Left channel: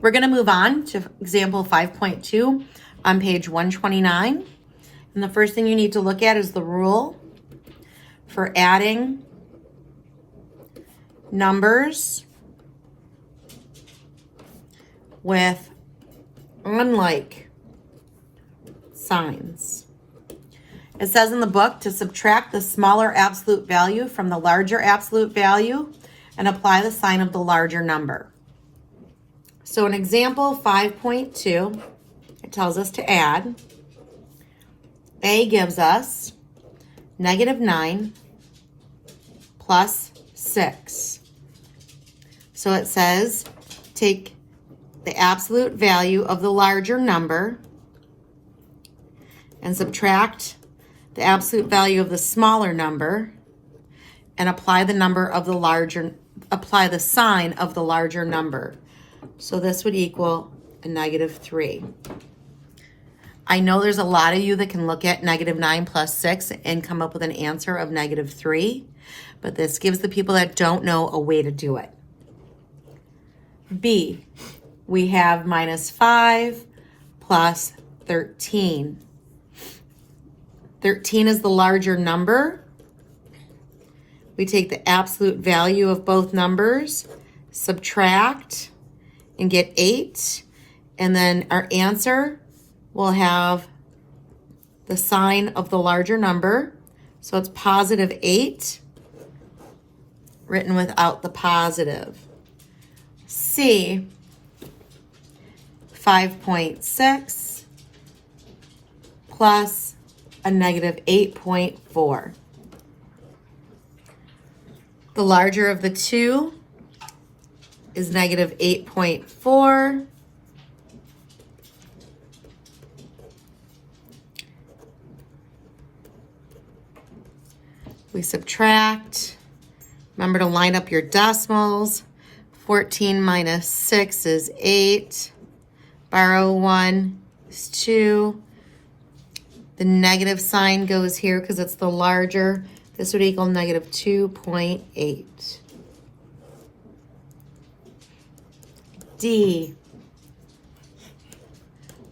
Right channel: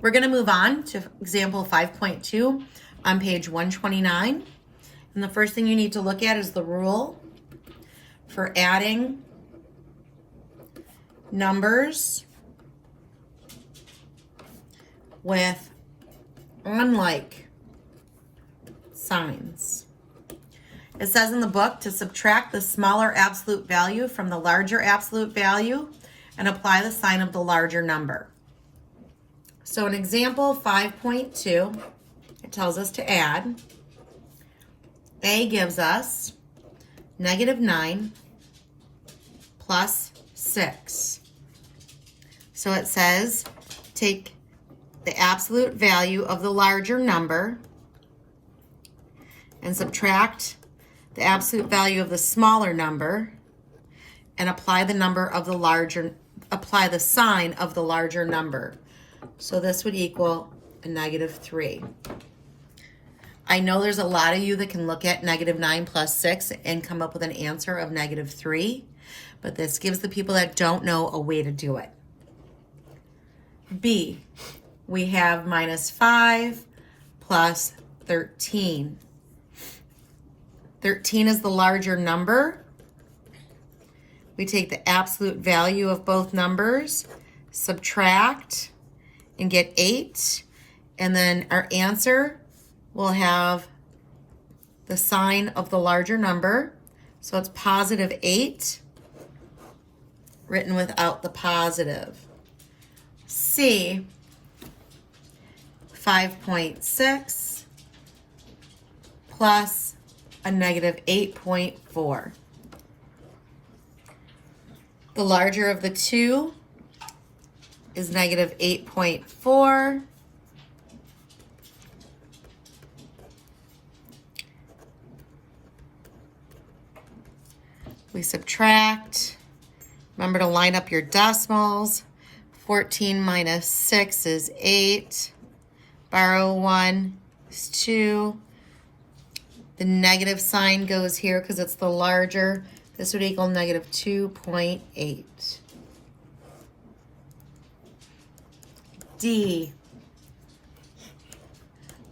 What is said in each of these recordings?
We're going to move on to example 5.2 on page 129. And the first thing you need to look at is the rule for adding numbers with unlike signs. It says in the book to subtract the smaller absolute value from the larger absolute value and apply the sign of the larger number. So in example 5.2, it tells us to add. A gives us -9 plus 6. So it says take the absolute value of the larger number and subtract the absolute value of the smaller number and apply the sign of the larger number. So this would equal a -3. I know there's a lot of you that can look at -9 plus 6 and come up with an answer of -3, but this gives the people that don't know a way to do it. B, we have -5 plus 13. 13 is the larger number. We take the absolute value of both numbers, subtract, and get 8. And then our answer will have the sign of the larger number. So it's +8, written without the positive. C, 5.6 plus a -8.4. The larger of the two is -8.4. We subtract. Remember to line up your decimals. 14 minus 6 is 8. Borrow 1 is 2. The negative sign goes here because it's the larger. This would equal -2.8. D,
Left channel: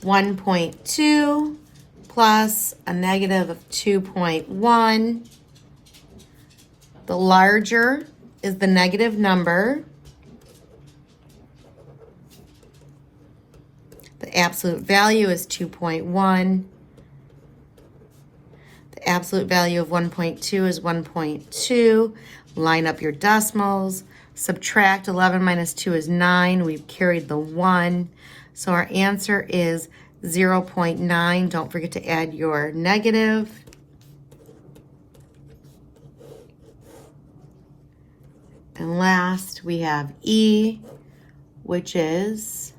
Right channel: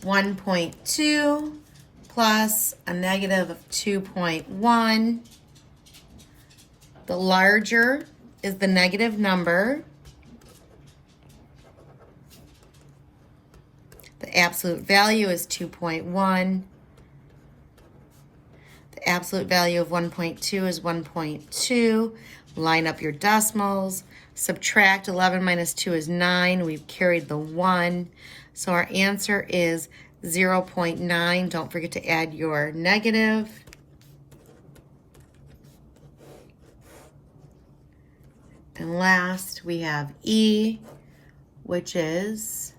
1.2 plus a -2.1. The larger is the negative number. The absolute value is 2.1. The absolute value of 1.2 is 1.2. Line up your decimals. Subtract 11 minus 2 is 9. We've carried the 1. So our answer is 0.9. Don't forget to add your negative. And last, we have E, which is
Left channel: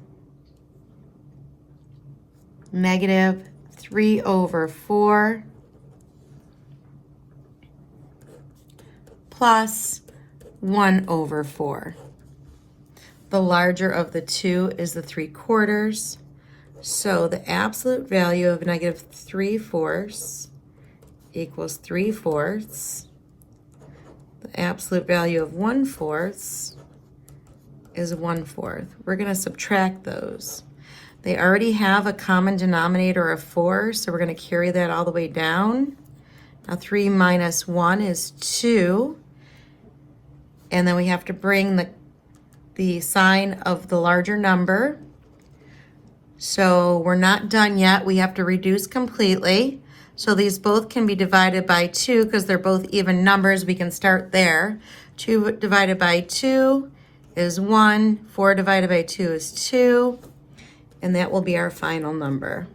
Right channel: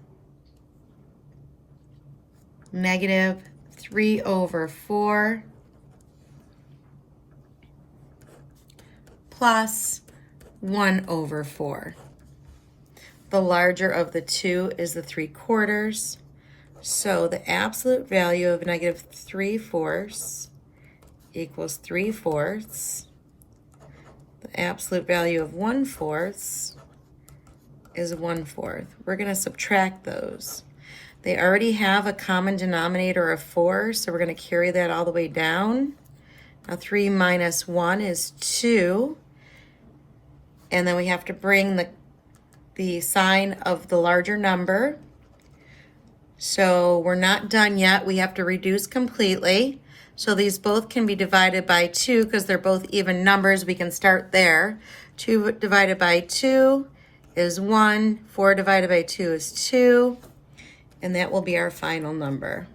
-3/4 plus 1/4. The larger of the two is the 3/4. So the absolute value of -3/4 equals 3/4. The absolute value of 1/4 is 1/4. We're going to subtract those. They already have a common denominator of 4, so we're going to carry that all the way down. Now 3 minus 1 is 2. And then we have to bring the sign of the larger number. So we're not done yet. We have to reduce completely. So these both can be divided by 2 because they're both even numbers. We can start there. 2 divided by 2 is 1. 4 divided by 2 is 2. And that will be our final number.